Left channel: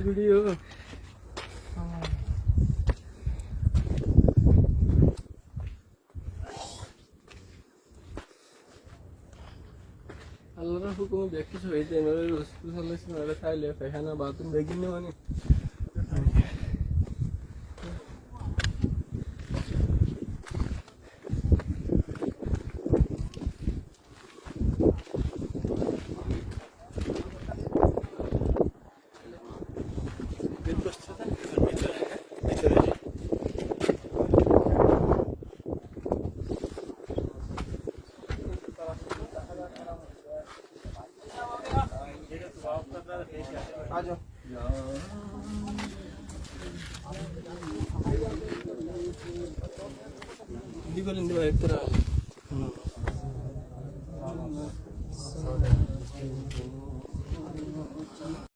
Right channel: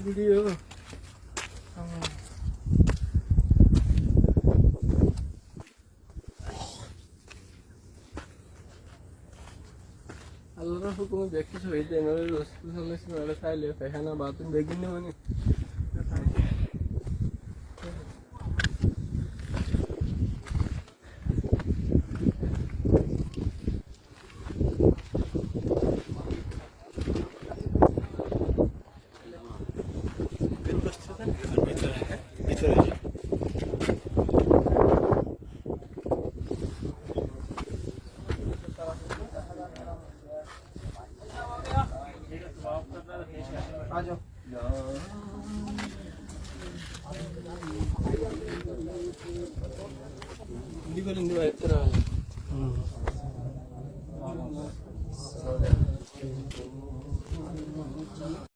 video আল্লাহর হুকুমে দেখতেছ এই যে এমএলএ রসুল সাল্লাল্লাহু আলাইহি খাইলে পেখানা বাথরুম বেগিন মানে आ जाओ